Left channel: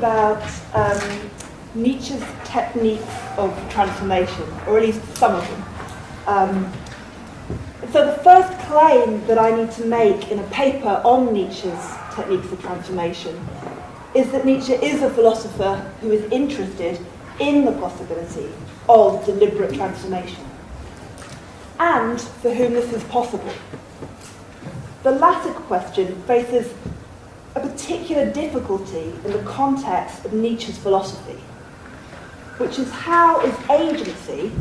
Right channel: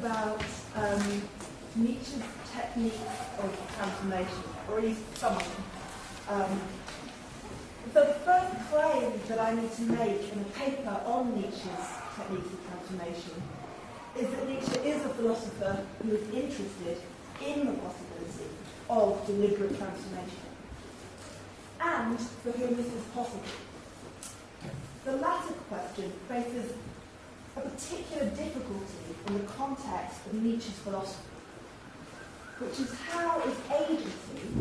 about Nietzsche's techniques of transformation, or at least some of them. So the first claim that I need to make in a paper on Nietzsche's techniques of transformation is that Nietzsche is a philosopher who is interested in the possibility of deliberate transformation, and for whom this is possible. The latter question faces a particular difficulty in the context of Nietzsche's philosophy, which is how is agency,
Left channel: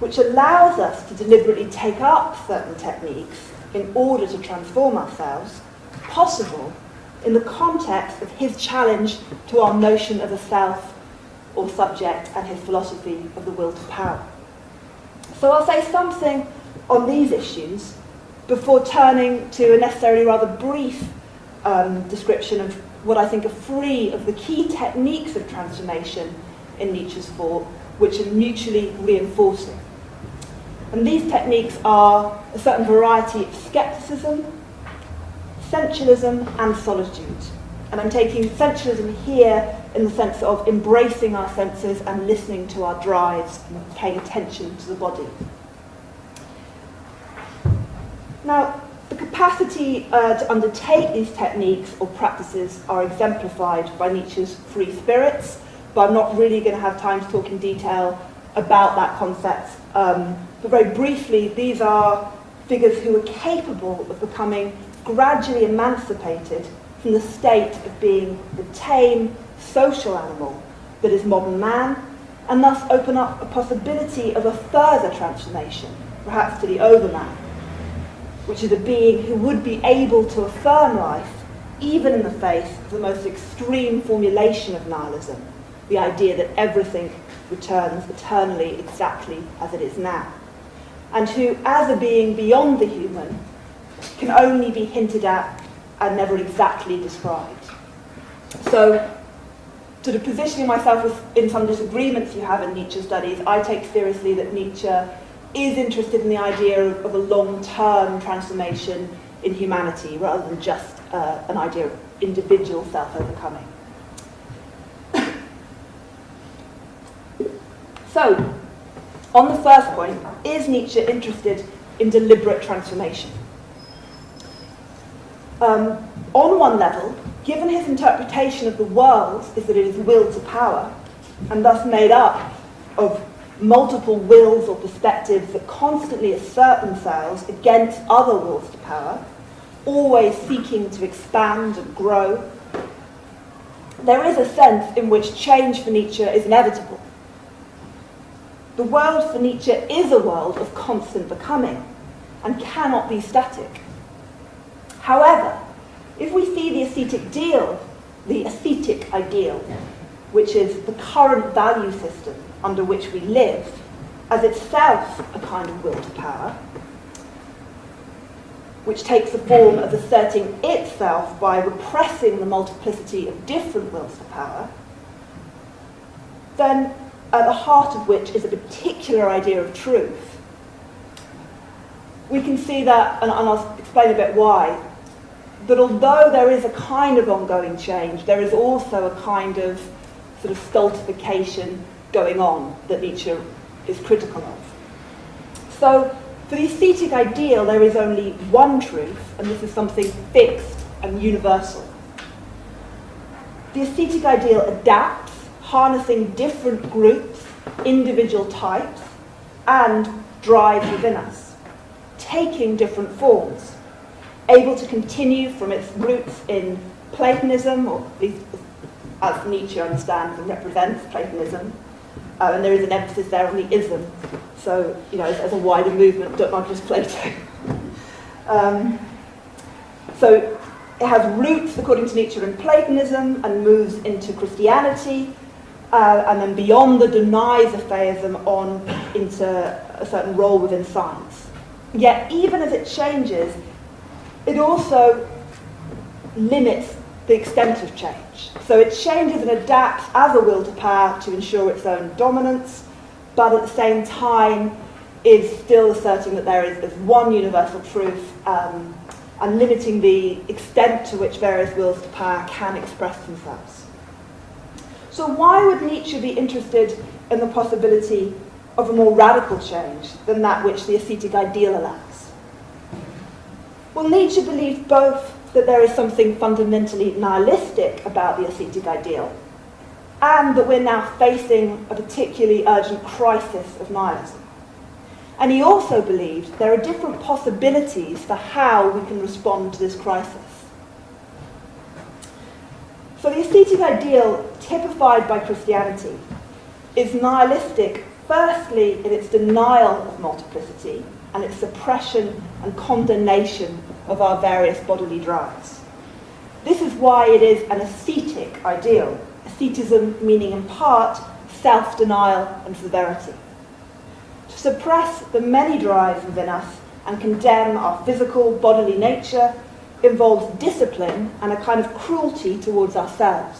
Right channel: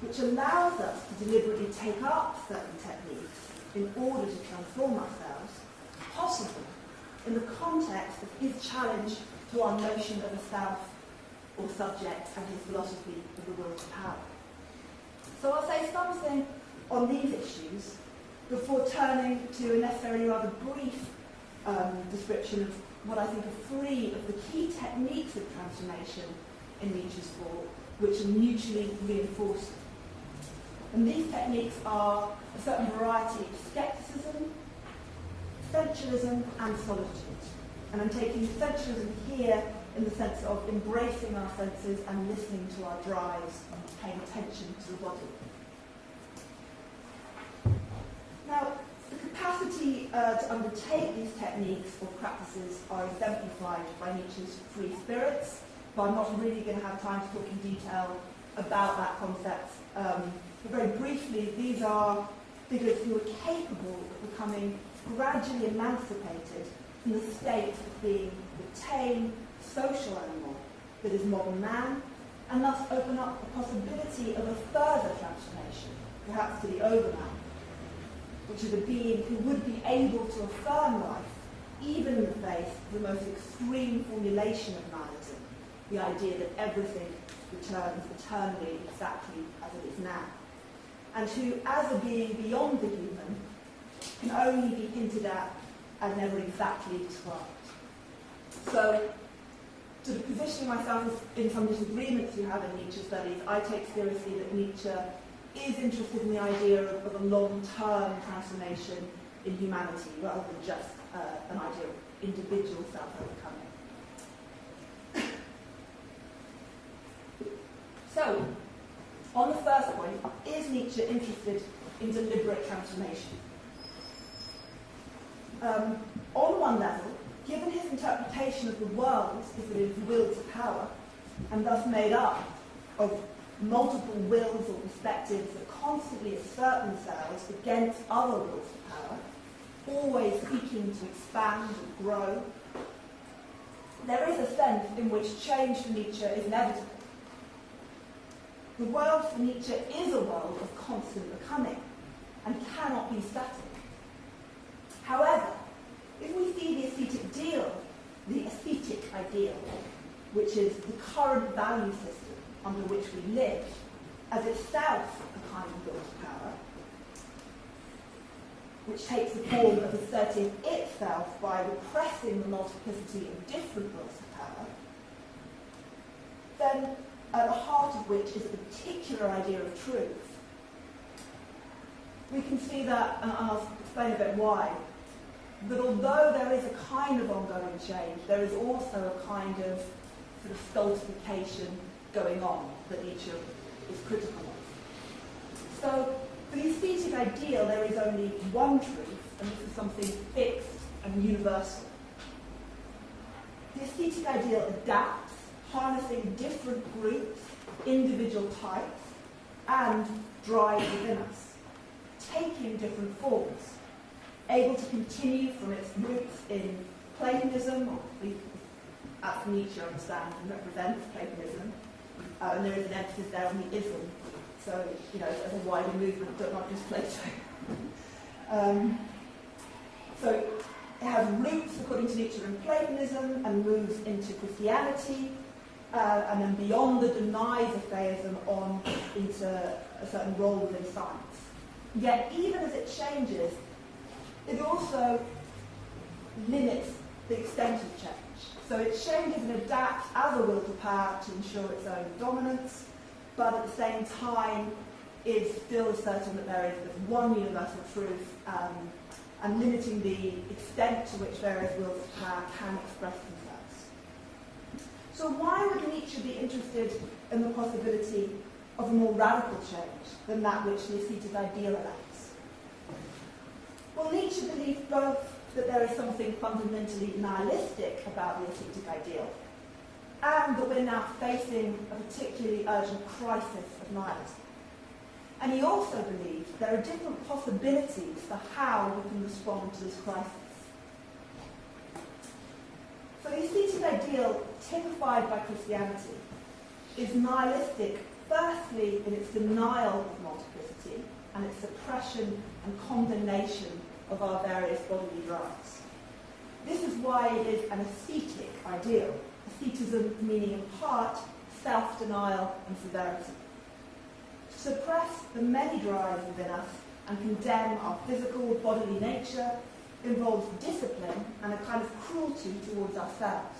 which allows us to deliberately take up certain techniques in order to transform ourselves, possible in the context of his challenge to our notion of a self or subject and his philosophy of the will to power. So I'll say something on these issues before turning to a necessarily rather brief description of what I think are three of the key techniques of transformation in Nietzsche's thought, which are mutually reinforcing. And these techniques are a certain variety of skepticism, sensualism, and solitude. And I'm taking sensualism here in the sense of embracing our senses and listening to our drives and paying attention to the body. Now, the capacity to undertake these techniques or practices are exemplified by Nietzsche's three spirits, but I'm not really going to have time to talk in detail about that concept. But very briefly, these are figures who are capable of becoming gradually emancipated from the state of being the tame social animal that is modern man, and thus open up a possibility of a further transformation, perhaps to the overman, which is a being who would be able to affirm life even in the face of the most extreme formulation of nihilism, the idea that everything returns eternally exactly as it is now, and who, as a being beyond the human, can only be hinted at and never exactly described. So, sort of positioning myself in some disagreements you have in Nietzsche studies, I take seriously that Nietzsche is interested in the idea of a long-term transformation in humanity rather than just an idea of individual self-overcoming. So, on the first point, is Nietzsche interested in deliberate transformation? On one level, given his interpretation of the world is that it is will to power, and thus made up of multiple wills or perspectives that constantly assert themselves against other wills to power, always seeking to expand and grow, there is a sense in which change for Nietzsche is inevitable. The world for Nietzsche is a world of constant becoming and cannot be static. However, if we see the ascetic ideal, which is the current value system under which we live, as itself a kind of will to power, which takes the form of asserting itself by repressing the multiplicity of different wills to power, then at the heart of which is a particular idea of truth, we can see that, and I'll explain a bit why, that although there is a kind of ongoing change, there is also a kind of sort of stultification going on that Nietzsche is critical of. So, for the aesthetic ideal, there is only one truth, and this is something fixed and universal. The aesthetic ideal adapts, harnessing different groups, individual types, and drive within us, taking different forms, able to continue from its roots in Platonism, or as Nietzsche understands and represents Platonism, and there is an emphasis there on the ism, so, you know, as a wider movement, not just Plato. So it has roots, according to Nietzsche, in Platonism and moves into Christianity, and then beyond the denies of theism on into a certain role within science. Yet, even as it changes, it also limits the extent of change. So it changes and adapts as a will to power to ensure its own dominance, but at the same time is still asserting that there is one universal truth, and limiting the extent to which various wills to power can express themselves. So why would Nietzsche be interested in the possibility of a more radical change than that which the ascetic ideal allows? Well, Nietzsche believed both that there is something fundamentally nihilistic about the ascetic ideal, and that we're now facing a particularly urgent crisis of nihilism. And he also believed there are different possibilities for how we can respond to this crisis. So the ascetic ideal, typified by Christianity, is nihilistic, firstly in its denial of multiplicity and its suppression and condemnation of our various bodily drives. This is why it is an ascetic ideal, asceticism meaning in part self-denial and severity. To suppress the many drives within us and condemn our physical, bodily nature involves discipline and a kind of cruelty towards ourselves.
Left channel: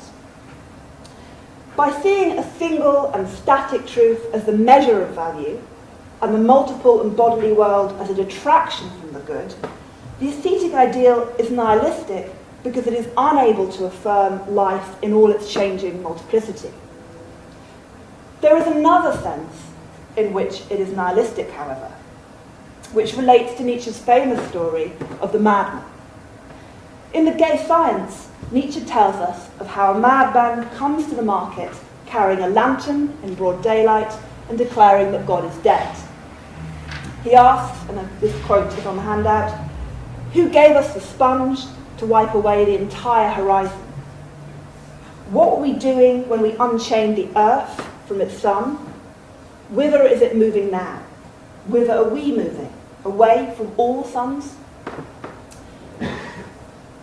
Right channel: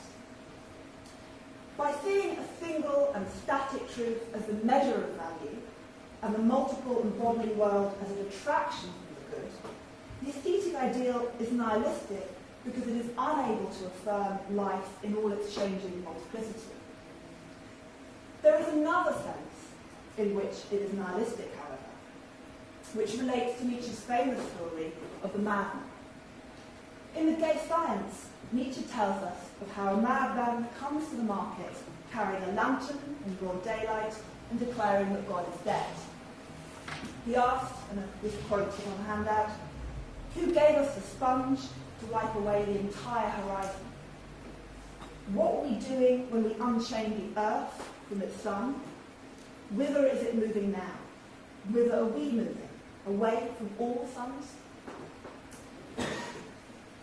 By seeing a single and static truth as the measure of value, and the multiple and bodily world as a detraction from the good, the ascetic ideal is nihilistic because it is unable to affirm life in all its changing multiplicity. There is another sense in which it is nihilistic, however, which relates to Nietzsche's famous story of the madman. In The Gay Science, Nietzsche tells us of how a madman comes to the market carrying a lantern in broad daylight and declaring that God is dead. He asks, and this quote is on the handout, "Who gave us the sponge to wipe away the entire horizon? What were we doing when we unchained the earth from its sun? Whither is it moving now? Whither are we moving? Away from all suns?"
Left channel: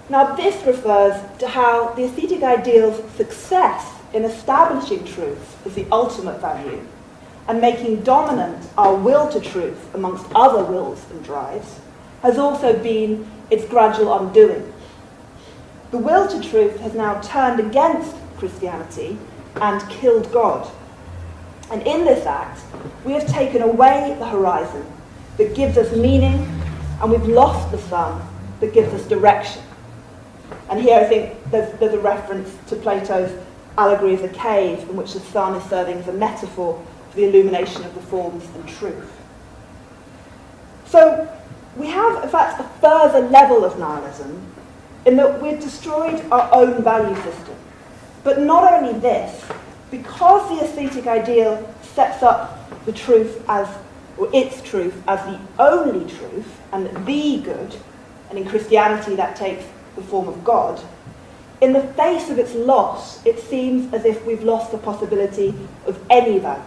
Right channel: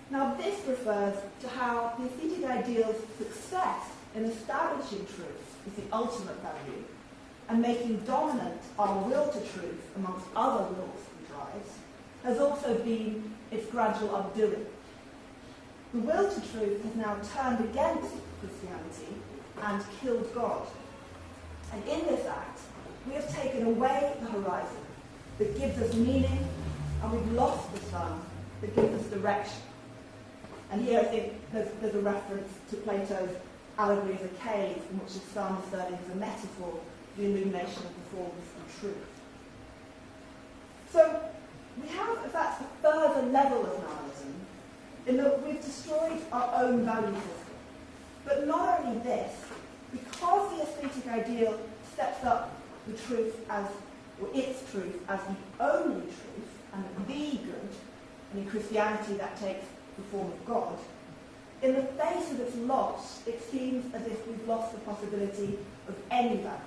Now this refers to how the ascetic ideal's success in establishing truth as the ultimate value and making dominant our will to truth amongst other wills and drives has also been its gradual undoing. The will to truth has now turned against Christianity and killed God. And in this act, we have taken away the horizon that gives us meaning, and we've lost the sun that gives us direction. And here I think there's a reference to Plato's allegory of the cave, in which the sun is serving as a metaphor for the illumination of the forms and truth. So we have, in fact, a further level of nihilism in that we've destroyed our own value system. But not only this, because the ascetic ideal sets up the truth as, or its truth as the only truth and the good, and in Christianity that takes the form of God, in the face of its loss, it seems as if we've lost the possibility of any value.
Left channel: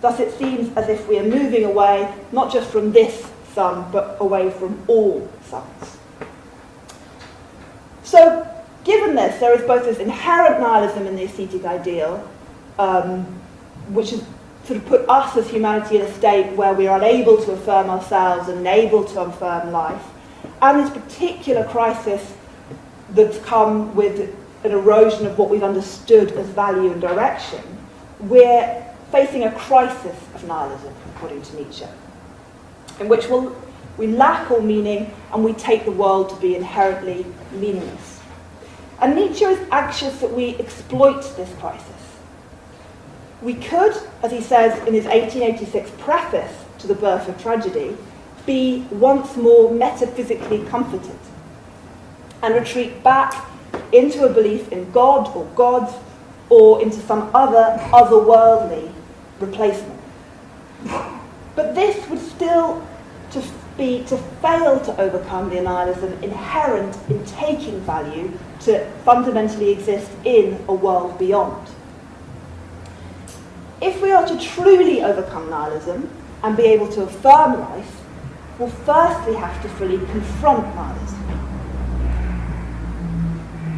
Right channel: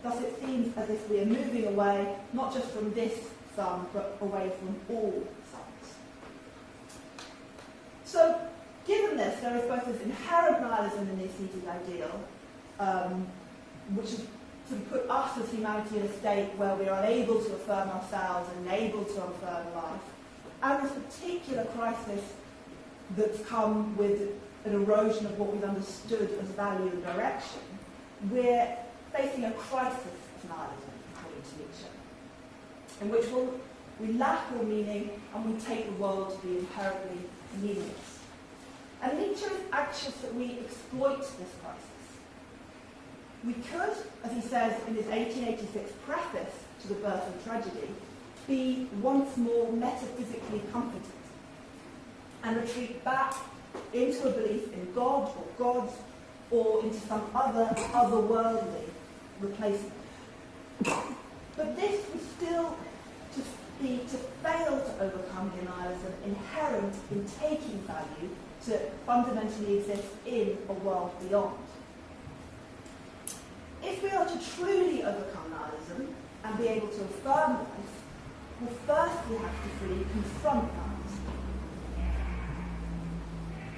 Thus it seems as if we are moving away, not just from this sun, but away from all suns. So, given this, there is both this inherent nihilism in the ascetic ideal, which has sort of put us as humanity in a state where we are unable to affirm ourselves and unable to affirm life, and this particular crisis that's come with an erosion of what we've understood as value and direction. We're facing a crisis of nihilism, according to Nietzsche, in which we lack all meaning and we take the world to be inherently meaningless. And Nietzsche is anxious that we exploit this crisis. We could, as he says in his 1886 preface to The Birth of Tragedy, be once more metaphysically comforted and retreat back into a belief in God or gods or into some otherworldly replacement. But this would still be to fail to overcome the nihilism inherent in taking value to fundamentally exist in a world beyond. If we are to truly overcome nihilism and be able to affirm life, we'll firstly have to fully confront nihilism.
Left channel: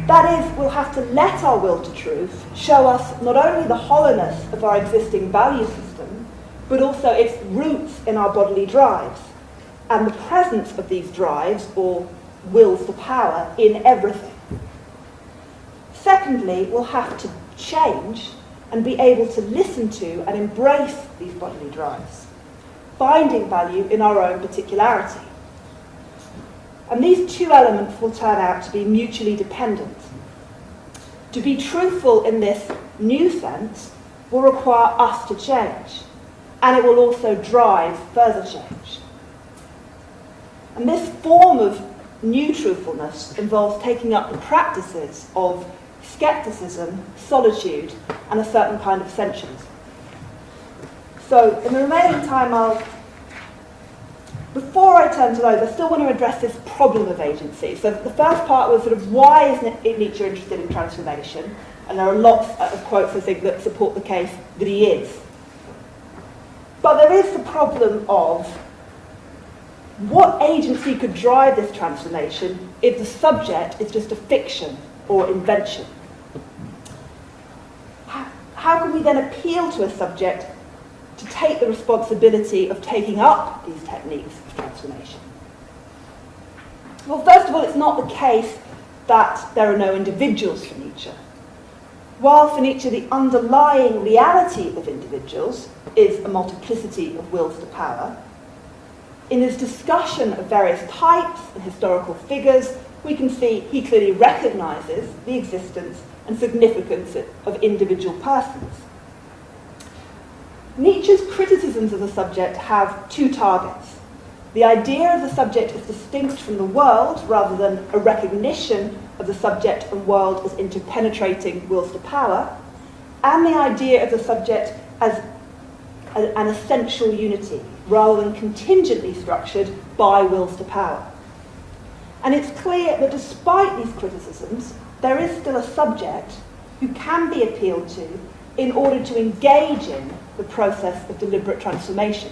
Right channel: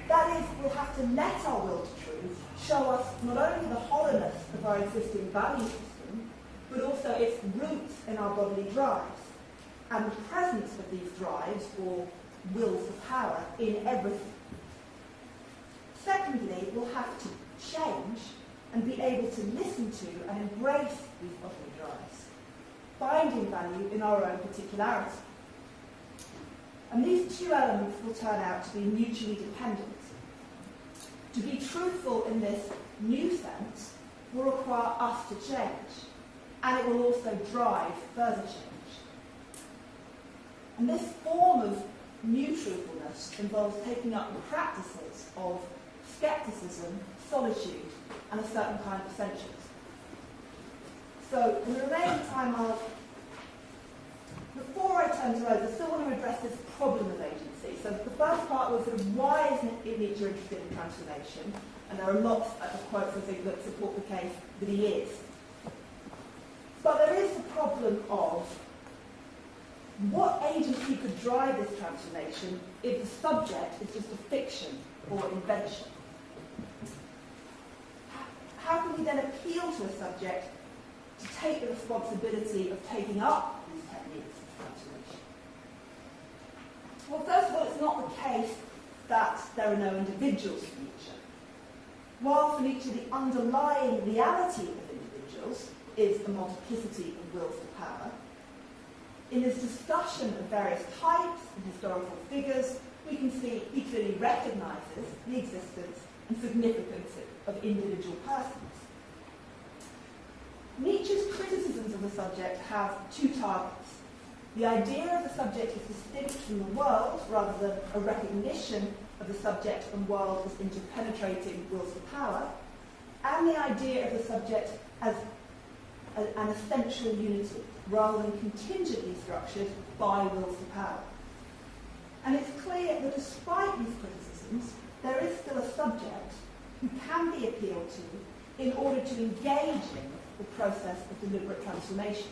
That is, we'll have to let our will to truth show us not only the hollowness of our existing value system, but also its roots in our bodily drives, and the presence of these drives, or wills to power, in everything. Secondly, we'll have to change and be able to listen to and embrace these bodily drives, finding value in our own particularity. And these two elements will turn out to be mutually dependent. To be truthful in this new sense will require us to change, and it will also drive further change. And this form of new truthfulness involves taking up the practices of skepticism, solitude, and a certain kind of essentialism. So, in the remaining time, before I turn to those, I still want to address this problem of agency. So the first part was sort of why is Nietzsche interested in transformation? And there are lots of quotes, I think, that support the case that he is. But there is the problem of what agency could drive this transformation if the subject is just a fiction or invention? How can we then appeal to a subject to take the responsibility of taking up these techniques of transformation? Well, first of all, it's not the case that there are no individuals for Nietzsche. While for Nietzsche the underlying reality of individuals is a multiplicity of wills to power, in his discussion of various types and historical figures, we can see he clearly recognises the existence and significance of individual persons. Nietzsche's criticisms of the subject have two targets. The idea of the subject as distinct from the world, rather than a recognition of the subject and world as interpenetrating wills to power, and the idea of the subject as an essential unity, rather than contingently structured by wills to power. And it's clear that despite these criticisms, there is still a subject who can be appealed to in order to engage in the process of deliberate transformation.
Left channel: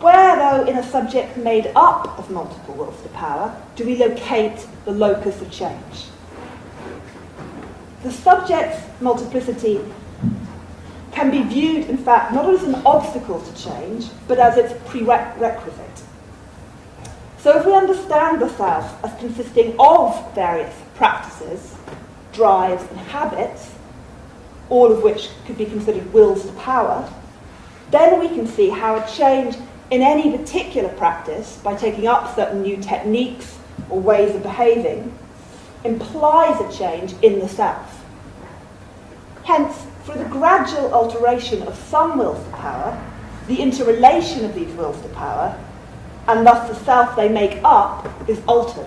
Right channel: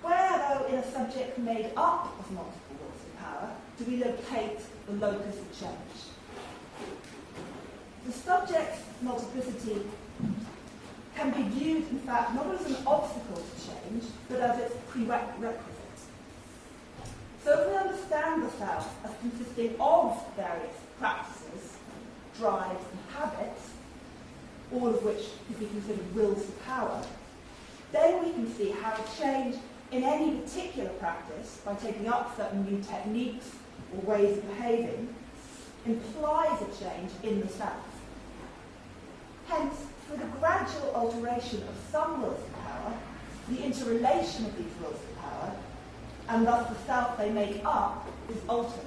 Where, though, in a subject made up of multiple wills to power, do we locate the locus of change? The subject's multiplicity can be viewed, in fact, not as an obstacle to change, but as its prerequisite. So if we understand the self as consisting of various practices, drives, and habits, all of which could be considered wills to power, then we can see how a change in any particular practice, by taking up certain new techniques or ways of behaving, implies a change in the self. Hence, through the gradual alteration of some wills to power, the interrelation of these wills to power, and thus the self they make up, is altered.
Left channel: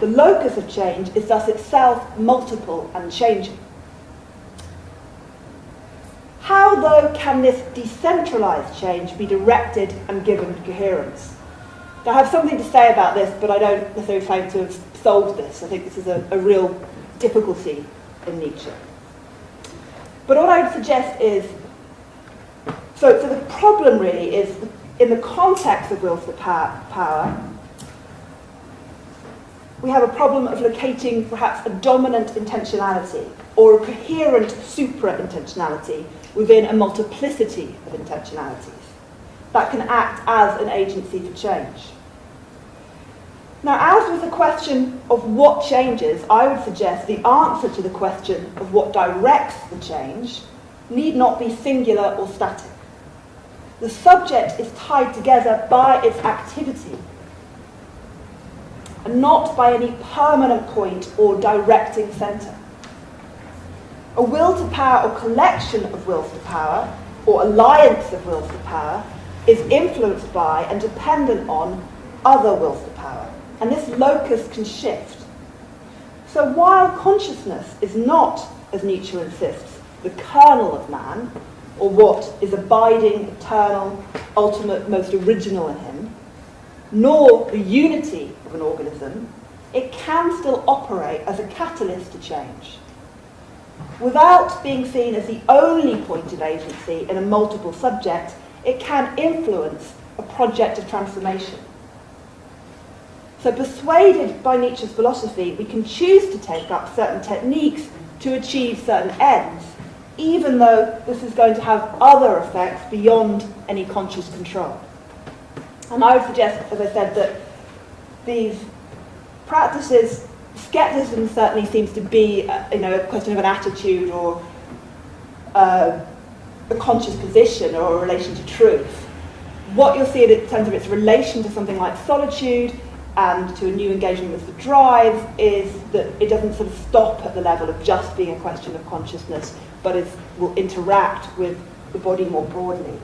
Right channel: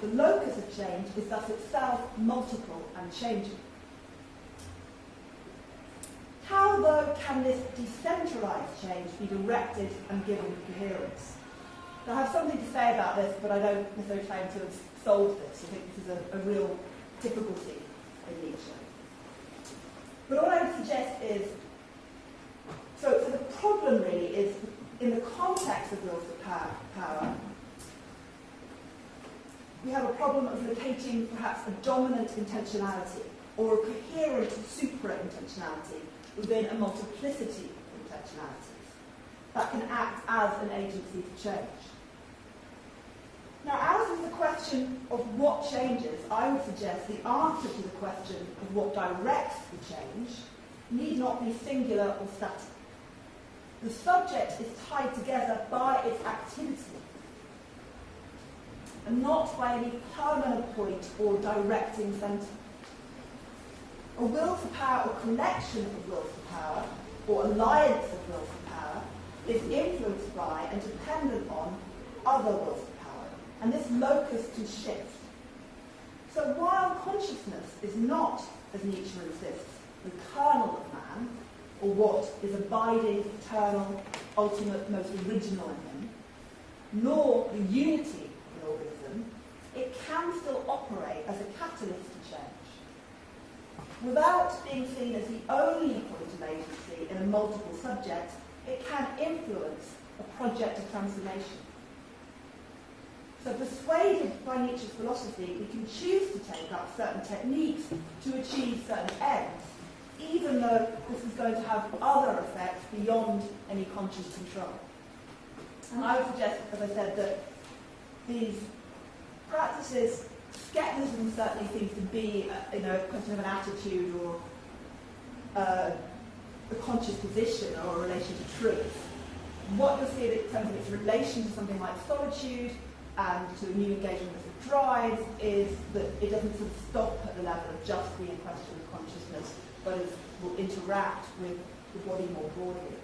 The locus of change is thus itself multiple and changing. How, though, can this decentralised change be directed and given coherence? Now, I have something to say about this, but I don't necessarily claim to have solved this. I think this is a real difficulty in Nietzsche. But what I would suggest is, so the problem really is, in the context of wills to power, we have a problem of locating perhaps a dominant intentionality or a coherent supra-intentionality within a multiplicity of intentionalities that can act as an agency for change. Now, as with the question of what changes, I would suggest the answer to the question of what directs the change need not be singular or static. The subject is tied together by its activity and not by any permanent point or directing centre. A will to power or collection of wills to power, or alliance of wills to power, is influenced by and dependent on other wills to power, and this locus can shift. So while consciousness is not, as Nietzsche insists, the kernel of man, or what is abiding, eternal, ultimate, most original in him, nor the unity of an organism, it can still operate as a catalyst to change. Without being seen as the only point of agency in a multiple subject, it can influence a project of transformation. So persuaded by Nietzsche's philosophy, we can choose to take up certain techniques to achieve certain ends, even though this is going to have other effects beyond any conscious control. And I would suggest, as I said, that these practices, skepticism certainly seems to be a question of an attitude or a conscious position or a relation to truth. What you'll see in terms of its relation to something like solitude and to a new engagement with the drive is that it doesn't sort of stop at the level of just being a question of consciousness, but will interact with the body more broadly.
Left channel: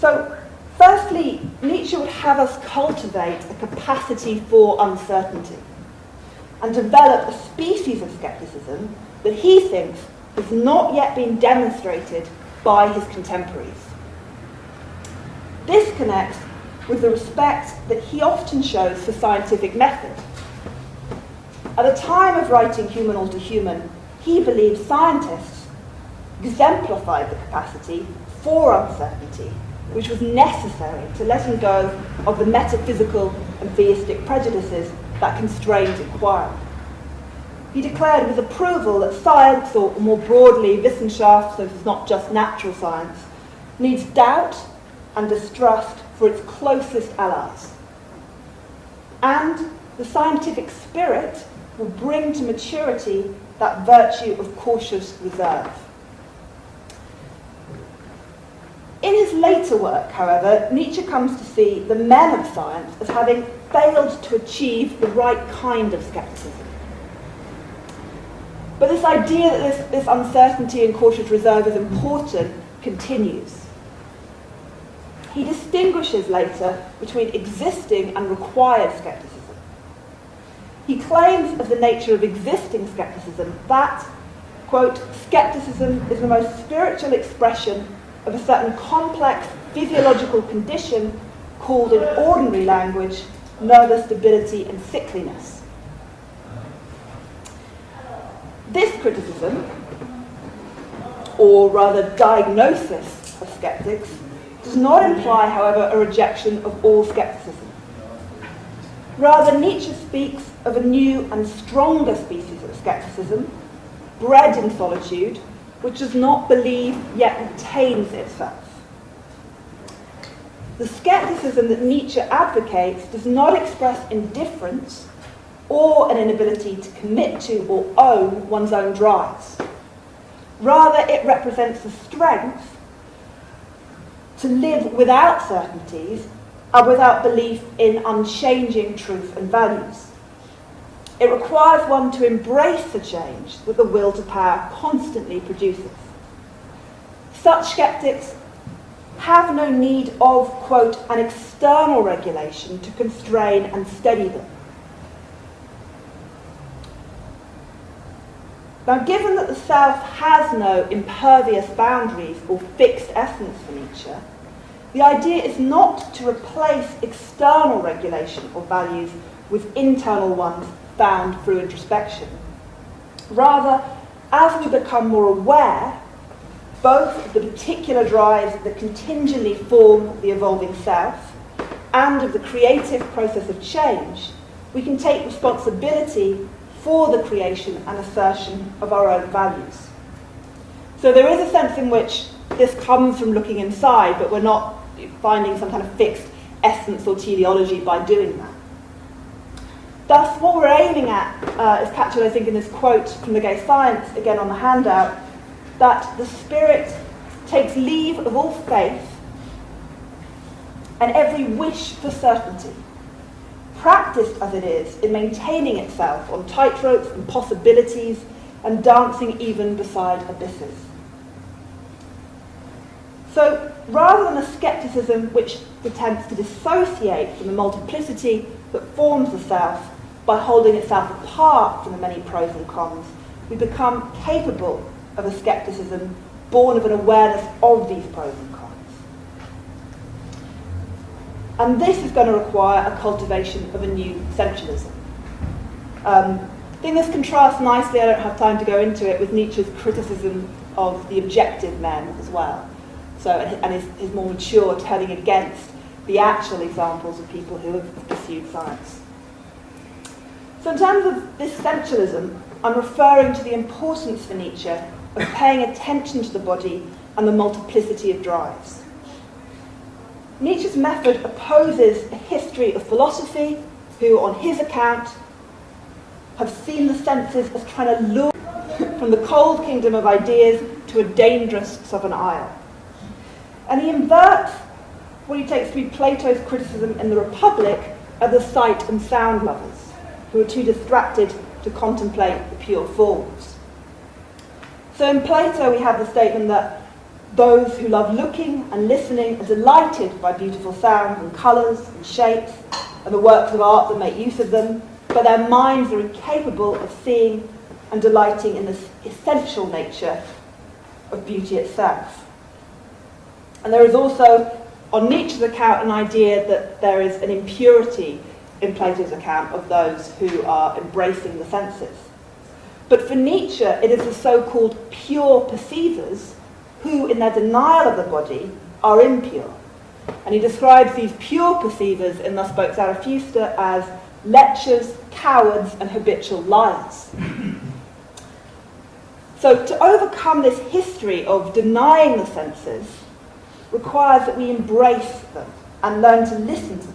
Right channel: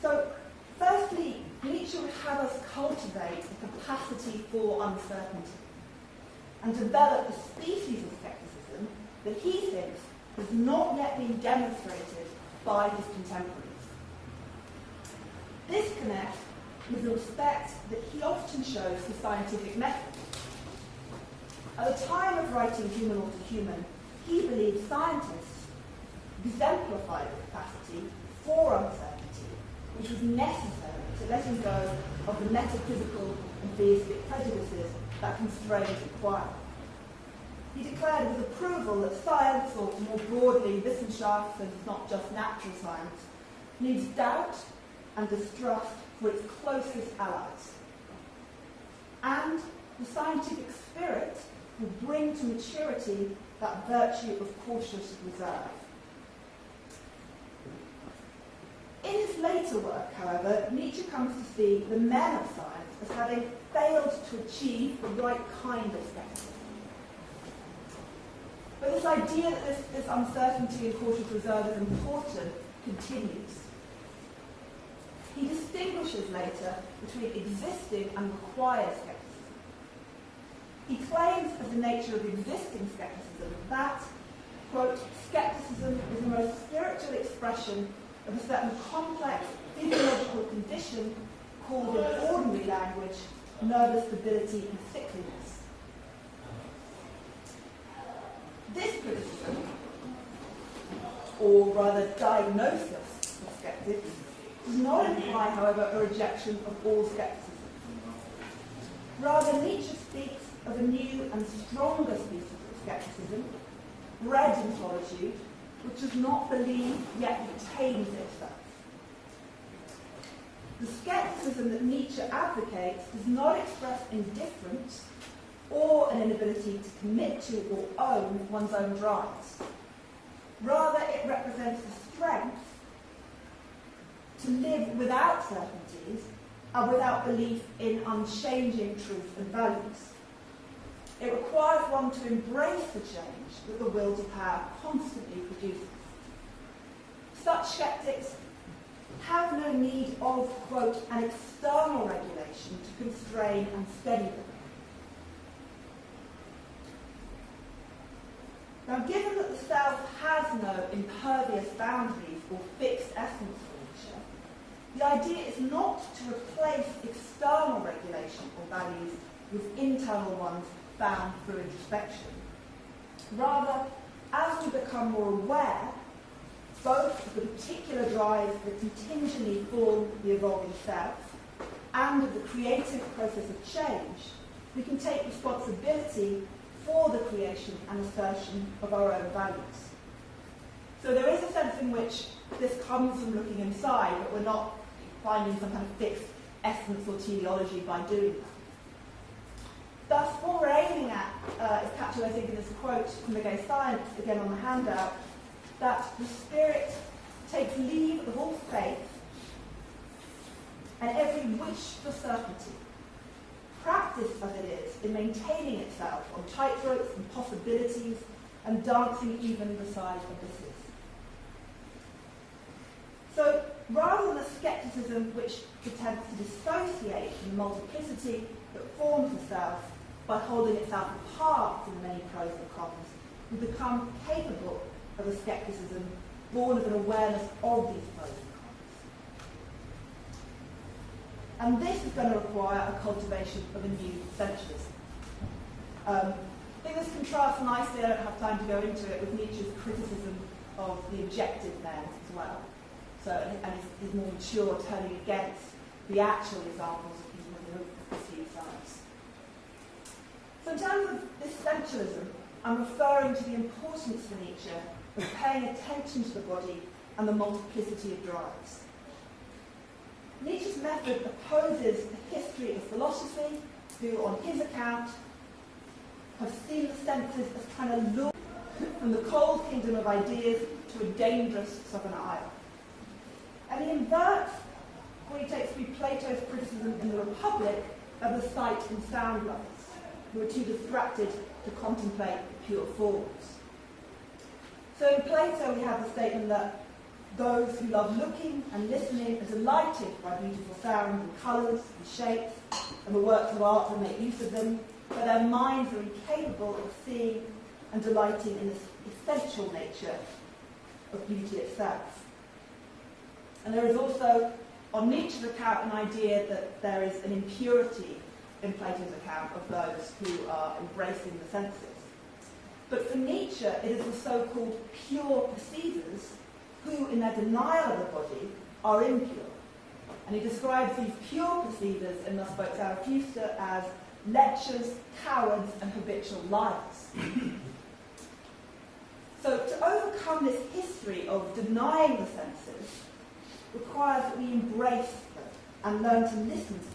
So, firstly, Nietzsche would have us cultivate a capacity for uncertainty and develop a species of skepticism that he thinks has not yet been demonstrated by his contemporaries. This connects with the respect that he often shows for scientific method. At the time of writing Human All Too Human, he believed scientists exemplified the capacity for uncertainty, which was necessary to letting go of the metaphysical and theistic prejudices that constrained inquiry. He declared with approval that science, or more broadly Wissenschaft, so it's not just natural science, needs doubt and distrust for its closest allies. And the scientific spirit will bring to maturity that virtue of cautious reserve. In his later work, however, Nietzsche comes to see the men of science as having failed to achieve the right kind of skepticism. But this idea that this uncertainty and cautious reserve is important continues. He distinguishes later between existing and required skepticism. He claims of the nature of existing skepticism that, quote, skepticism is the most spiritual expression of a certain complex physiological condition called in ordinary language nervous debility and sickliness. This criticism, or rather diagnosis of skeptics, does not imply, however, a rejection of all skepticism. Rather, Nietzsche speaks of a new and stronger species of skepticism, bred in solitude, which does not believe yet retains itself. The skepticism that Nietzsche advocates does not express indifference or an inability to commit to or own one's own drives. Rather, it represents the strength to live without certainties and without belief in unchanging truth and values. It requires one to embrace the change that the will to power constantly produces. Such skeptics have no need of, quote, an external regulation to constrain and steady them. Now, given that the self has no impervious boundaries or fixed essence for Nietzsche, the idea is not to replace external regulation or values with internal ones found through introspection. Rather, as we become more aware, both of the particular drives that contingently form the evolving self and of the creative process of change, we can take responsibility for the creation and assertion of our own values. So there is a sense in which this comes from looking inside, but we're not finding some kind of fixed essence or teleology by doing that. Thus, what we're aiming at is captured, I think, in this quote from The Gay Science, again on the handout, that the spirit takes leave of all faith and every wish for certainty, practiced as it is in maintaining itself on tightropes and possibilities and dancing even beside abysses. So, rather than a skepticism which attempts to dissociate from the multiplicity that forms the self by holding itself apart from the many pros and cons, we become capable of a skepticism born of an awareness of these pros and cons. And this is going to require a cultivation of a new essentialism. I think this contrasts nicely, I don't have time to go into it, with Nietzsche's criticism of the objective men as well. So, and his more mature turning against the actual examples of people who have pursued science. So in terms of this essentialism, I'm referring to the importance for Nietzsche of paying attention to the body and the multiplicity of drives. Nietzsche's method opposes a history of philosophy who, on his account, have seen the senses as trying to lure from the cold kingdom of ideas to a dangerous southern isle. And he inverts what he takes to be Plato's criticism in The Republic are the sight and sound lovers, who are too distracted to contemplate the pure forms. So in Plato we have the statement that those who love looking and listening are delighted by beautiful sounds and colours and shapes and the works of art that make use of them, but their minds are incapable of seeing and delighting in the essential nature of beauty itself. And there is also, on Nietzsche's account, an idea that there is an impurity in Plato's account of those who are embracing the senses. But for Nietzsche, it is the so-called pure perceivers who, in their denial of the body, are impure. And he describes these pure perceivers in Thus Spoke Zarathustra as lechers, cowards, and habitual liars. So to overcome this history of denying the senses requires that we embrace them and learn to listen to them.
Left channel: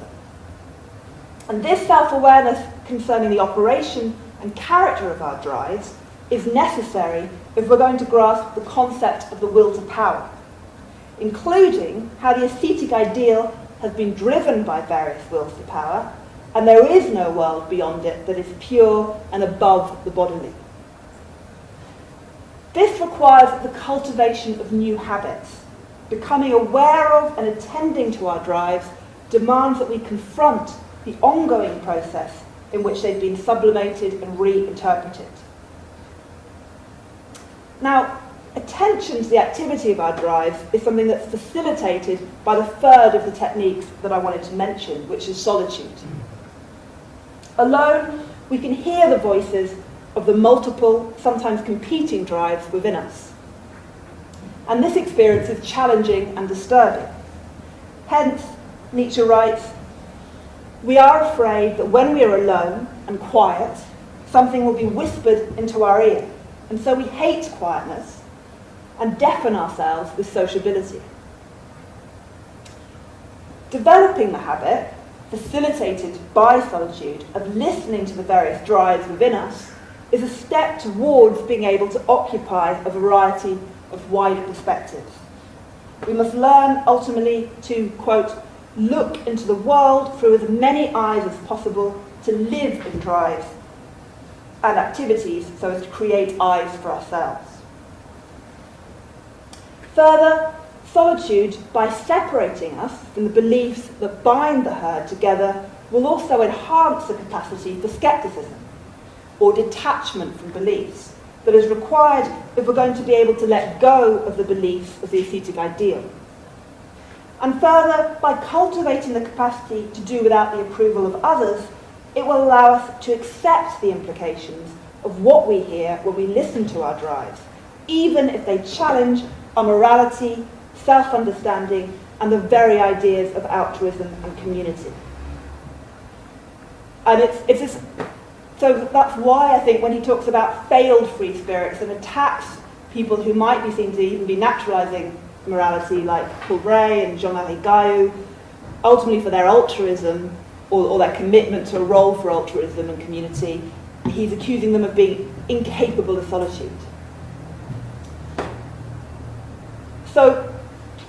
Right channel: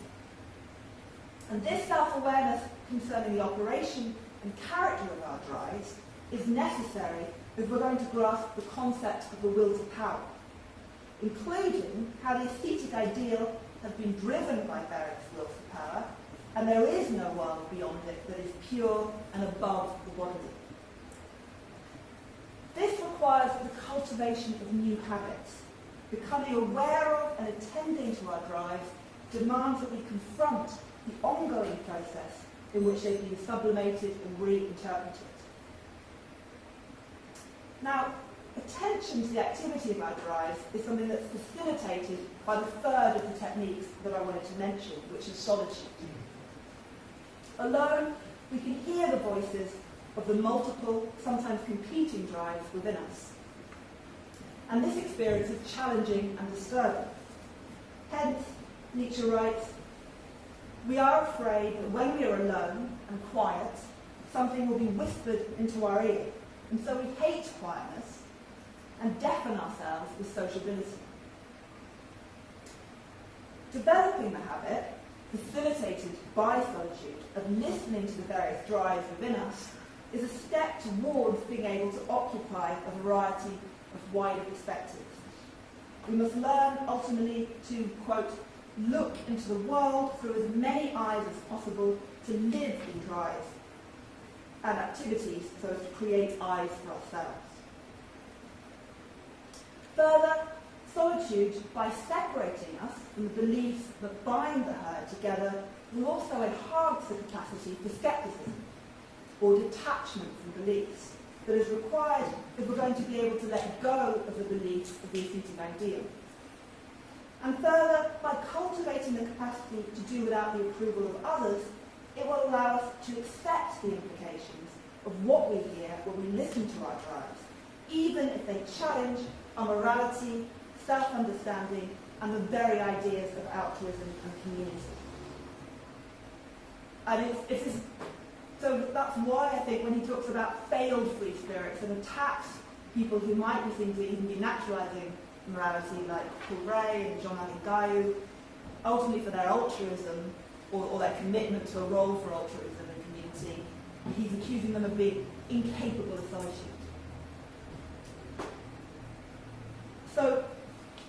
And this self-awareness concerning the operation and character of our drives is necessary if we're going to grasp the concept of the will to power, including how the ascetic ideal has been driven by various wills to power, and there is no world beyond it that is pure and above the bodily. This requires the cultivation of new habits. Becoming aware of and attending to our drives demands that we confront the ongoing process in which they've been sublimated and reinterpreted. Now, attention to the activity of our drives is something that's facilitated by the third of the techniques that I wanted to mention, which is solitude. Alone, we can hear the voices of the multiple, sometimes competing drives within us. And this experience is challenging and disturbing. Hence, Nietzsche writes, "We are afraid that when we are alone and quiet, something will be whispered into our ear, and so we hate quietness and deafen ourselves with sociability." Developing the habit, facilitated by solitude, of listening to the various drives within us is a step towards being able to occupy a variety of wider perspectives. We must learn ultimately to, quote, look into the world through as many eyes as possible, to live in drives and activities so as to create eyes for ourselves. Further, solitude, by separating us from the beliefs that bind the herd together, will also enhance the capacity for skepticism, or detachment from beliefs, that is required if we're going to be able to let go of the beliefs of the ascetic ideal. And further, by cultivating the capacity to do without the approval of others, it will allow us to accept the implications of what we hear when we listen to our drives, even if they challenge our morality, self-understanding, and the very ideas of altruism and community. And so that's why I think when he talks about failed free spirits and attacks people who might be seen to even be naturalising morality, like Paul Bray and Jean-Marie Gayou, ultimately for their altruism or their commitment to a role for altruism and community, he's accusing them of being incapable of solitude. So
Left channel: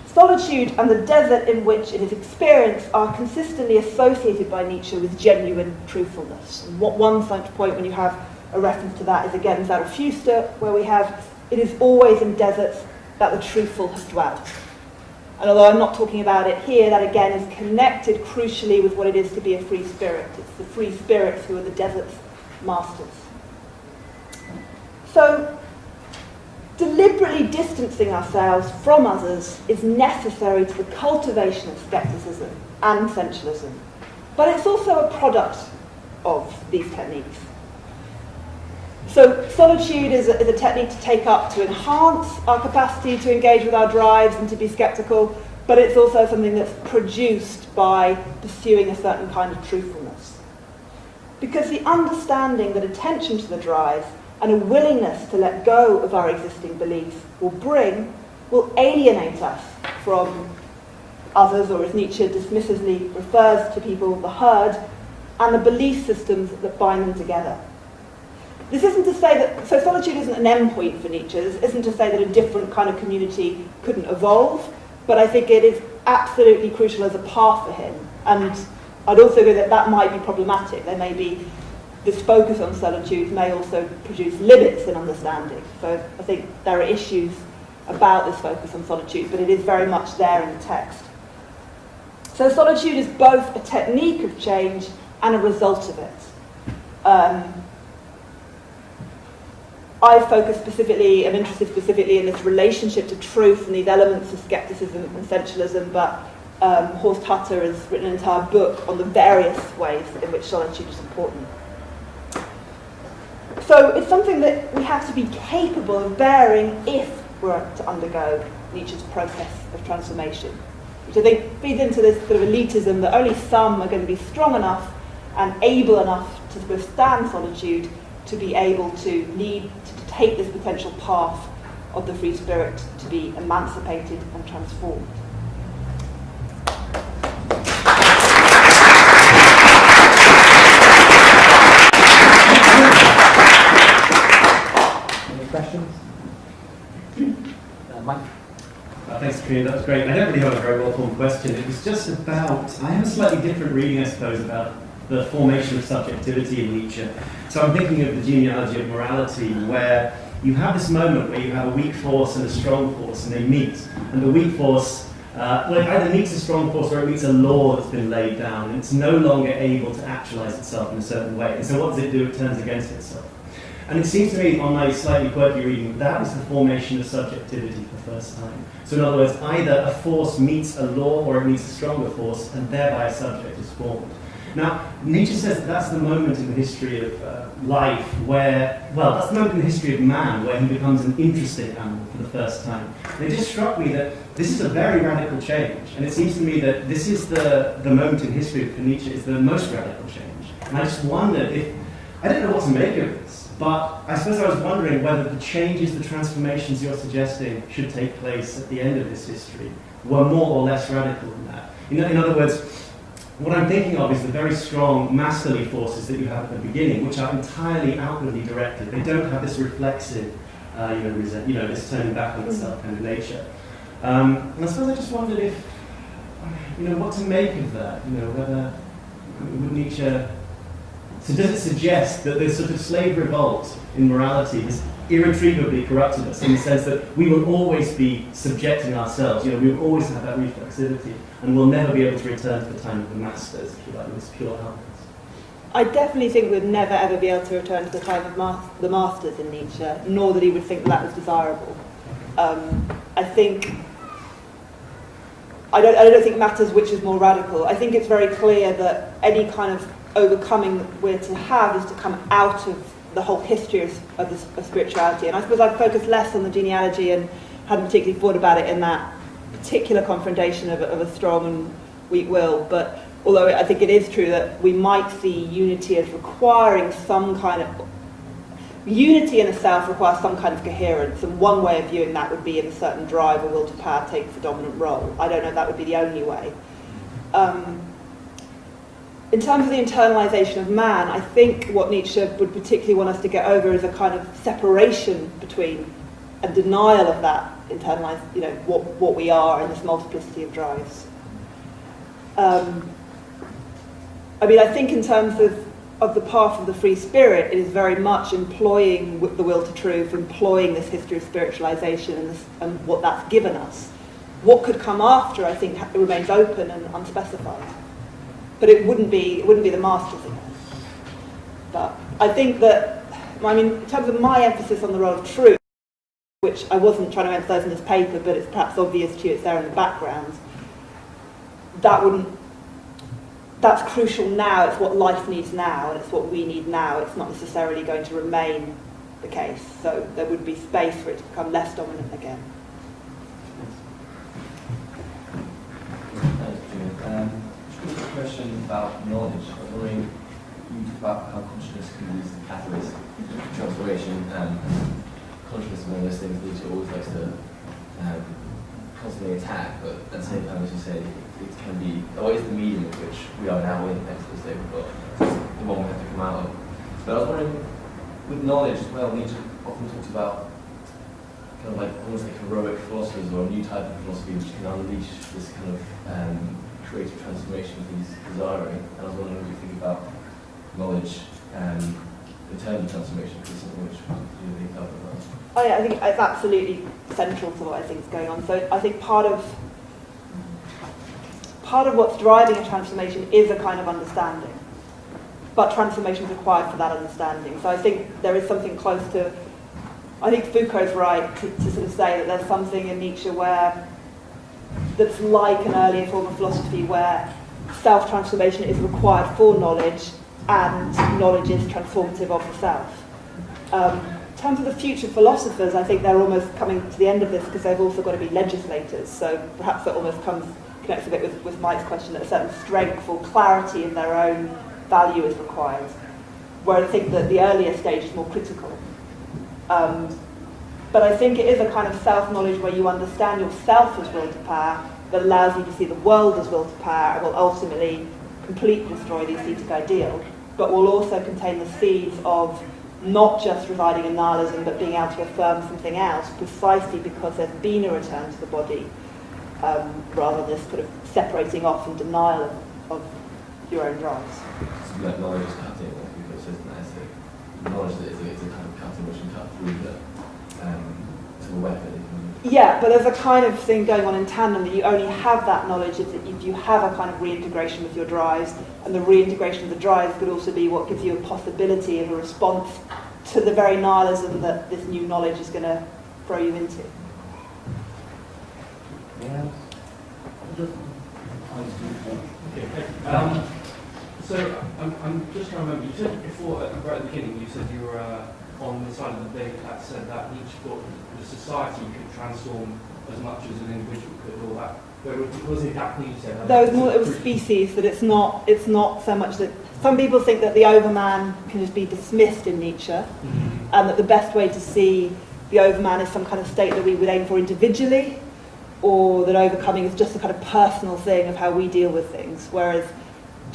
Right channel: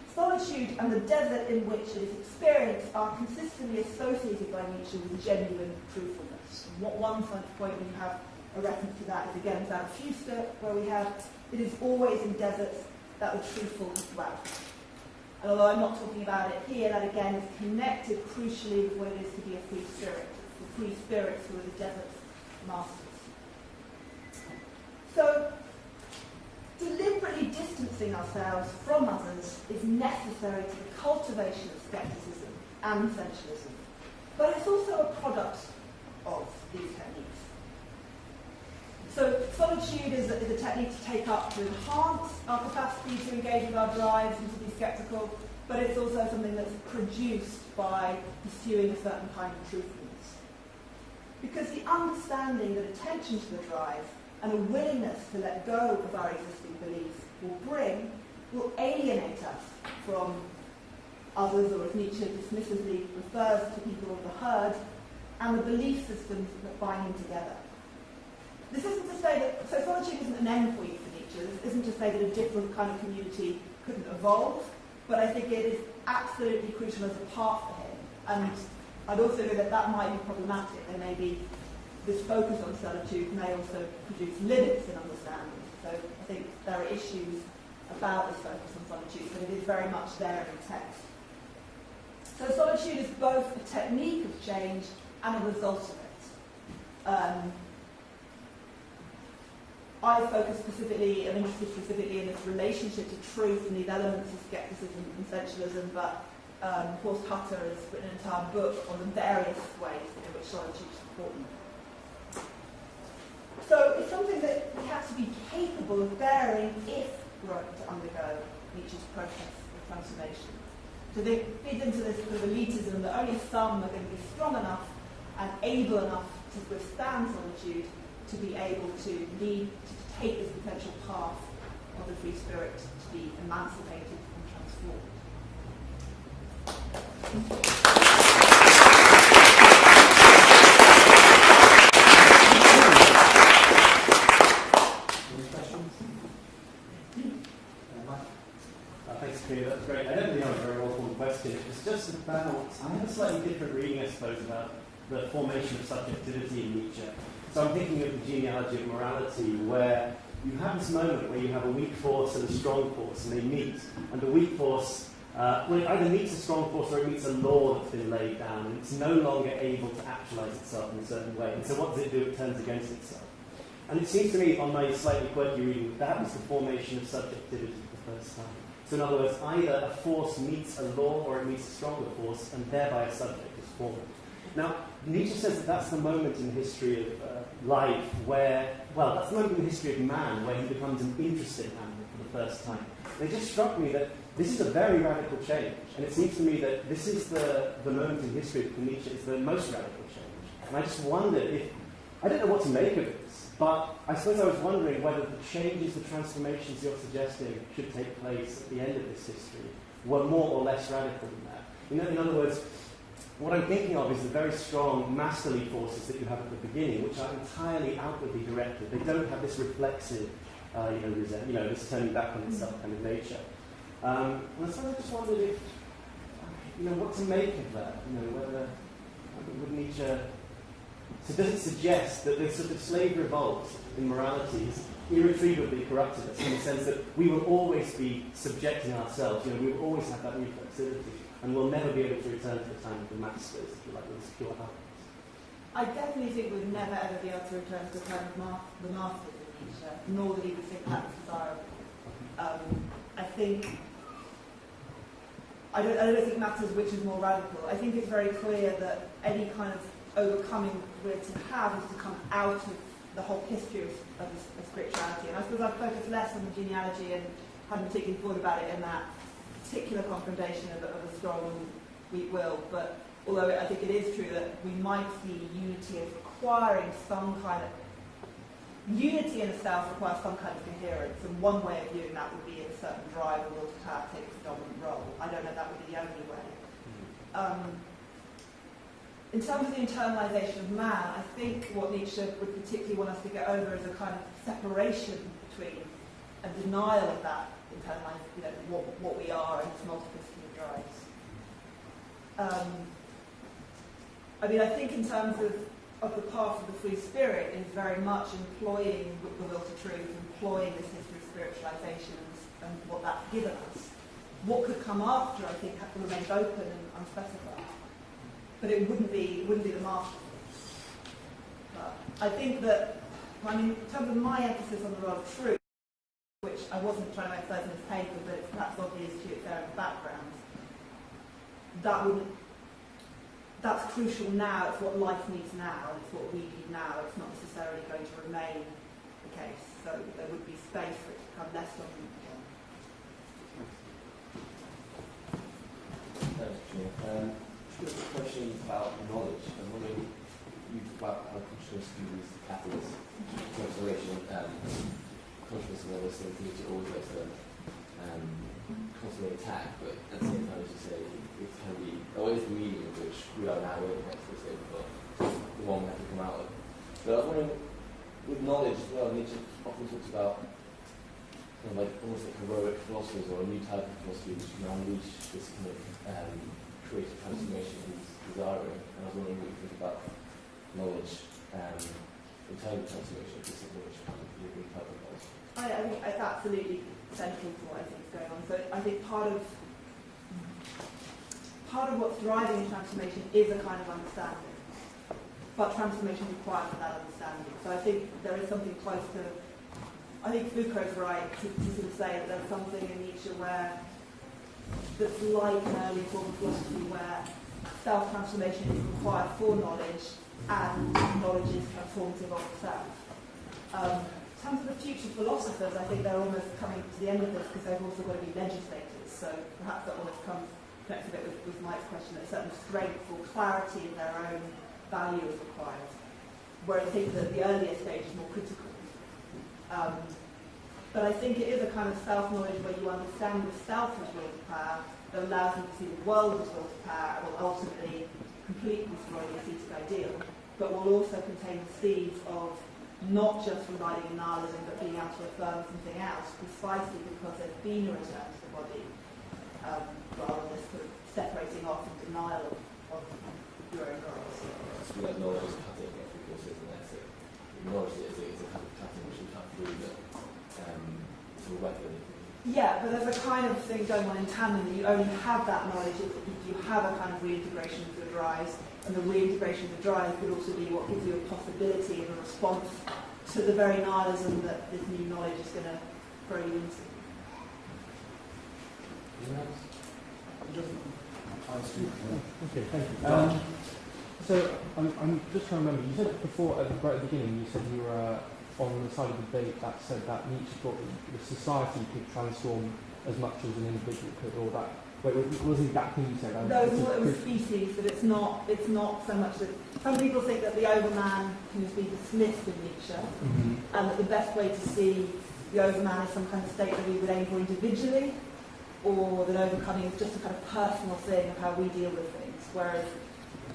solitude and the desert in which it is experienced are consistently associated by Nietzsche with genuine truthfulness. And one point when you have a reference to that is again Zarathustra, where we have, "It is always in deserts that the truthful have dwelt." And although I'm not talking about it here, that again is connected crucially with what it is to be a free spirit. It's the free spirits who are the desert's masters. So, deliberately distancing ourselves from others is necessary to the cultivation of skepticism and sensualism. But it's also a product of these techniques. So solitude is a technique to take up to enhance our capacity to engage with our drives and to be skeptical, but it's also something that's produced by pursuing a certain kind of truthfulness. Because the understanding that attention to the drives and a willingness to let go of our existing beliefs will alienate us from others, or as Nietzsche dismissively refers to people, the herd, and the belief systems that bind them together. This isn't to say that, so solitude isn't an endpoint for Nietzsche. This isn't to say that a different kind of community couldn't evolve, but I think it is absolutely crucial as a path for him. And I'd also agree that that might be problematic. There may be, this focus on solitude may also produce limits in understanding. So I think there are issues about this focus on solitude, but it is very much there in the text. So solitude is both a technique of change and a result of it. I focus specifically, I'm interested specifically in this relationship to truth and these elements of skepticism and essentialism, but Horst Hutter has written an entire book on the various ways in which solitude is important. So it's something that we have to be capable of bearing if we're to undergo Nietzsche's process of transformation, which I think feeds into this sort of elitism that only some are going to be strong enough and able enough to withstand solitude to be able to take this potential path of the free spirit to be emancipated and transformed. Any questions? Mike? Thanks, Karina. That was great. I don't really have a very well-formed question. It was just about, I have a slightly different reading, I suppose, about the formation of subjectivity in Nietzsche. So I'm thinking of the genealogy of morality, where you have this moment where you have a weak force and a strong force, and they meet. And the weak force, it either meets a strong force or it meets a law that's been laid down, and it's no longer able to actualize itself in a certain way. And so what does it do? It turns against itself. And it seems to me, on my slightly quirky reading, that is the formation of subjectivity for the first time. So in other words, either a force meets a law or it meets a stronger force, and thereby a subject is formed. Now, Nietzsche says that that's the moment in the history of life where, well, that's the moment in the history of man where he becomes an interesting animal for the first time. And it just struck me that this is a very radical change. And it seems to me that this is the moment in history for Nietzsche is the most radical change. And I just wondered if, I don't know what to make of this, but I suppose I was wondering whether the changes, the transformations you're suggesting should take place at the end of this history were more or less radical than that. In other words, what I'm thinking of is the very strong masterly forces that you have at the beginning, which are entirely outwardly directed. They don't have this reflexive, this turning back on itself kind of nature. And I suppose I just wondered if, what to make of that. Whether would Nietzsche. So does it suggest that this sort of slave revolt in morality has irretrievably corrupted us in the sense that we will always be subjecting ourselves, we will always have that reflexivity, and we'll never be able to return to the time of the masters, if you like, this pure helpless? I definitely think we'd never ever be able to return to the time of the masters in Nietzsche, nor that he would think that was desirable. I don't think it matters which is more radical. I think it's very clear that any kind of overcoming that we're to have is to come out of the whole history of spirituality. And I suppose I'd focus less on the genealogy and hadn't particularly thought about it in that particular confrontation of a strong and weak will. But although I think it is true that we might see unity as requiring some kind of... Unity in a self requires some kind of coherence, and one way of viewing that would be in a certain drive or will to power takes a dominant role. I don't know if that would be the only way. In terms of the internalisation of man, I think what Nietzsche would particularly want us to get over is a kind of separation between a denial of that internalised, what we are in this multiplicity of drives. I think in terms of the path of the free spirit, it is very much employing the will to truth, employing this history of spiritualisation and what that's given us. What could come after, I think, remains open and unspecified. But it wouldn't be the masters again. But I think that, in terms of my emphasis on the role of truth, which I wasn't trying to emphasise in this paper, but it's perhaps obvious to you, it's there in the background, that's crucial now. It's what life needs now, and it's what we need now. It's not necessarily going to remain the case. So there would be space for it to become less dominant again. Just a question about knowledge. I was wondering, you talk about how consciousness can be used as a catalyst for transformation, and consciousness is one of those things that you always likes to constantly attack, but at the same time, as you say, it can be, it's the medium of which we are now in, thanks to this day, but the one we have to come out of. But I was wondering, with knowledge as well, Nietzsche often talks about kind of like almost like heroic philosophers or a new type of philosophy which can unleash this kind of creative transformation he's desiring. And I was wondering what you think about knowledge internal transformation, because it's something which you think covered about. Oh yeah, I think it's absolutely central to what I think is going on. So I think part of what's driving a transformation is a kind of understanding, but transformation is required for that understanding. So I think there is something close to, I think Foucault's right to sort of say that there's something in Nietzsche that's like an earlier form of philosophy where self-transformation is required for knowledge and knowledge is transformative of the self. In terms of the future philosophers, I think they're almost coming to the end of this because they've also got to be legislators. So perhaps that almost connects a bit with Mike's question that a certain strength or clarity in their own value is required. Where I think that the earlier stage is more critical. But I think it is a kind of self-knowledge where you understand yourself as will to power that allows you to see the world as will to power and will ultimately completely destroy the ascetic ideal, but will also contain the seeds of not just residing in nihilism, but being able to affirm something else, precisely because there's been a return to the body, rather than this sort of separating off and denial of your own drives. So like knowledge is cutting, like people says in the essay. Knowledge is a kind of cutting which can cut through to the weapon. Yeah, but there's a kind of thing going on in tandem that you only have that knowledge if you have a kind of reintegration with your drives, and the reintegration of the drives could also be what gives you a possibility of a response to the very nihilism that this new knowledge is going to throw you into. Okay. So I'm just trying to remember, you said before, right at the beginning, you said you were on the side of the debate that said that Nietzsche thought the society could transform as much as an individual could, or that. Where was it that you said? It was species, that it's not so much that some people think that the overman can just be dismissed in Nietzsche, and that the best way to see the overman is some kind of state that we would aim for individually, or that overcoming is just a kind of personal thing of how we deal with things. Whereas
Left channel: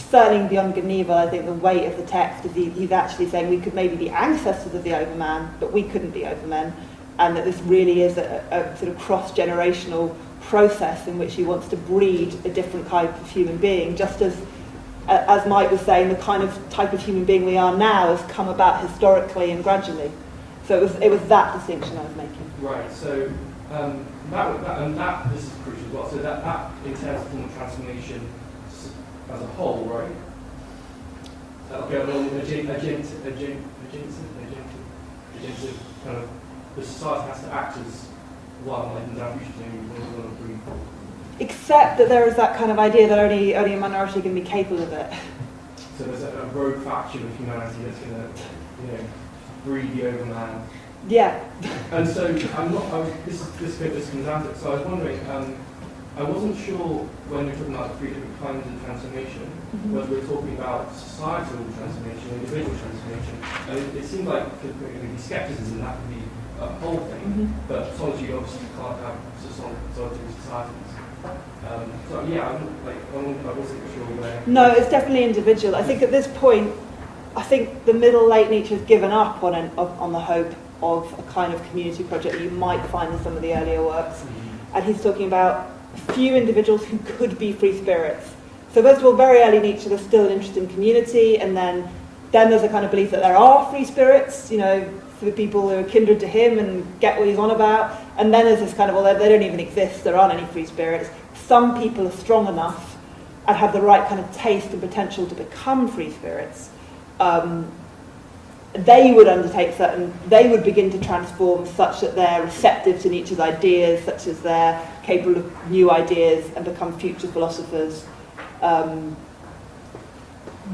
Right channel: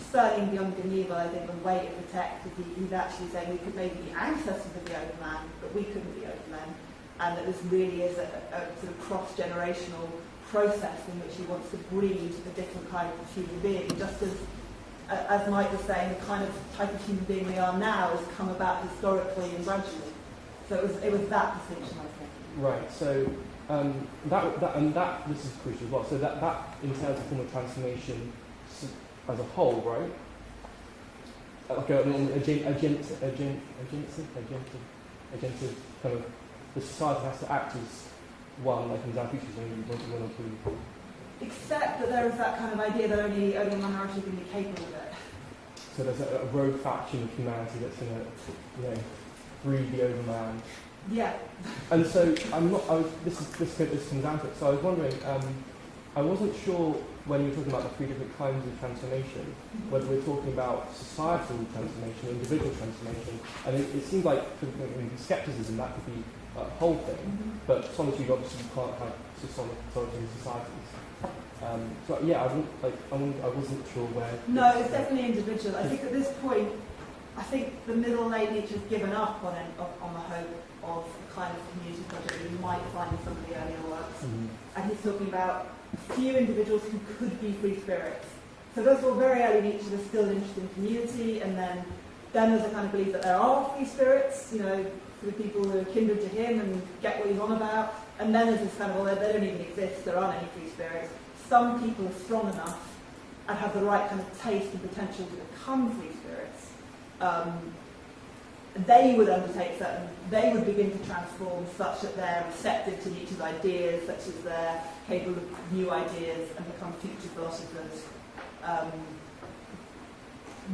certainly beyond Geneva, I think the weight of the text is he's actually saying we could maybe be ancestors of the overman, but we couldn't be overmen, and that this really is a sort of cross-generational process in which he wants to breed a different type of human being, just as Mike was saying, the kind of type of human being we are now has come about historically and gradually. So it was that distinction I was making. Right. So that this is crucial as well. So that entails form of transformation as a whole, right? Okay. Agentive kind of the society has to act as one, like in Zarathustra. Except that there is that kind of idea that only a minority can be capable of it. So there's a rogue faction of humanity that's going to, breed the overman. Yeah. And so this comes out of it. So I was wondering, I wasn't sure when we were talking about the three different kinds of transformation, whether we're talking about societal transformation, individual transformation. And it seemed like maybe skepticism that could be a whole thing, but solitude obviously you can't have solitary societies. So yeah, I wasn't sure where. No, it's definitely individual. I think at this point, I think the middle late Nietzsche has given up on the hope of a kind of community project that you might find in some of the earlier works. And he's talking about a few individuals who could be free spirits. So first of all, very early Nietzsche, there's still an interest in community, and then there's a kind of belief that there are free spirits, for the people who are kindred to him and get what he's on about. And then there's this kind of, well, they don't even exist, there aren't any free spirits. Some people are strong enough and have the right kind of taste and potential to become free spirits. They would begin to transform such that they're receptive to Nietzsche's ideas, such as they're capable of new ideas and become future philosophers.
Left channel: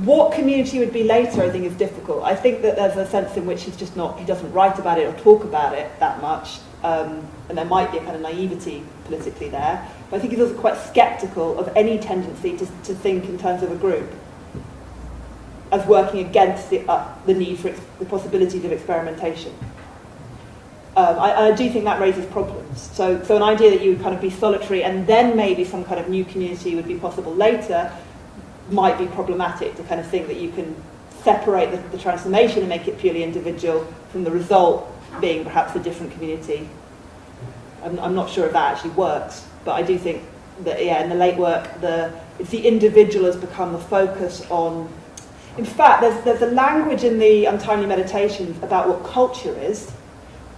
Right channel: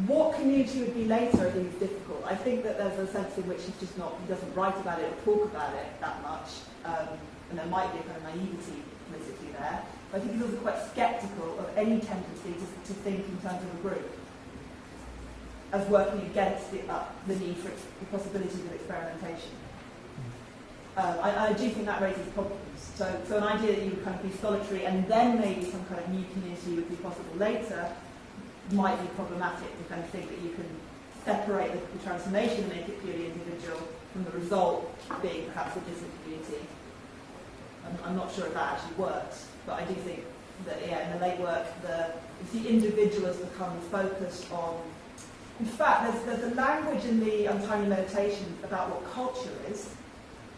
What community would be later, I think, is difficult. I think that there's a sense in which he doesn't write about it or talk about it that much, and there might be a kind of naivety politically there. But I think he's also quite sceptical of any tendency to think in terms of a group as working against the need for the possibilities of experimentation. I do think that raises problems. So an idea that you would kind of be solitary and then maybe some kind of new community would be possible later might be problematic, to kind of think that you can separate the transformation and make it purely individual from the result being perhaps a different community. I'm not sure if that actually works, but I do think in the late work, it's the individual has become the focus on. In fact, there's a language in the Untimely Meditations about what culture is,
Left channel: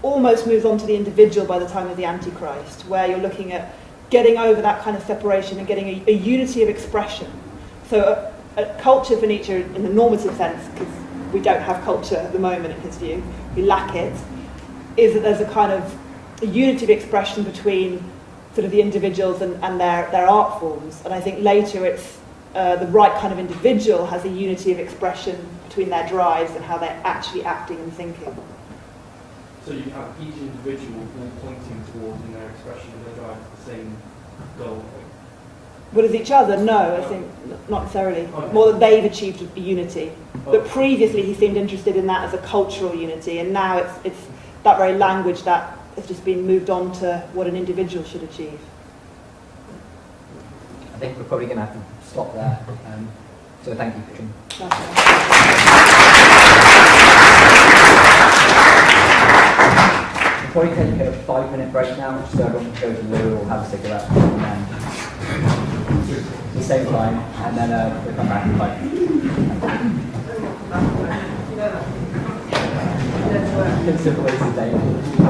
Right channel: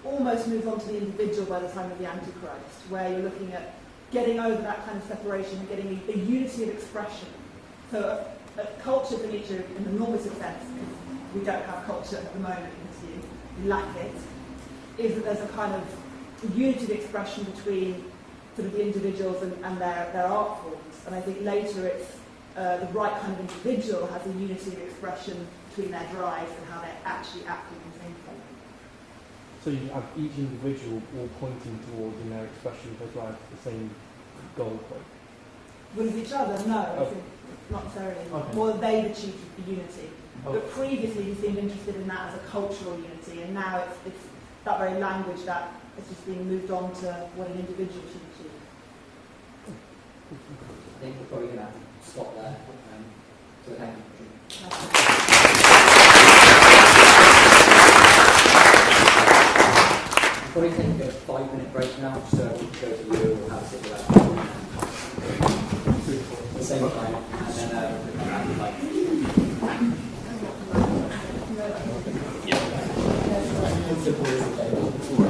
almost moves on to the individual by the time of the Antichrist, where you're looking at getting over that kind of separation and getting a unity of expression. So a culture for Nietzsche, in the normative sense, because we don't have culture at the moment in his view, we lack it, is that there's a kind of a unity of expression between sort of the individuals and their art forms. And I think later it's the right kind of individual has a unity of expression between their drives and how they're actually acting and thinking. So you have each individual all pointing towards in their expression of their drive the same goal point. But as each other, no, I think not necessarily. Okay. More that they've achieved a unity. But Okay. previously he seemed interested in that as a cultural unity, and now it's that very language that has just been moved on to what an individual should achieve. I think we're probably going to have to stop there. So thank you, Katrin. We'll probably take a 5-minute break now, just so everyone can go to the loo or have a cigarette. And the same time, and then we'll come back in 5 minutes. Simple way to say it.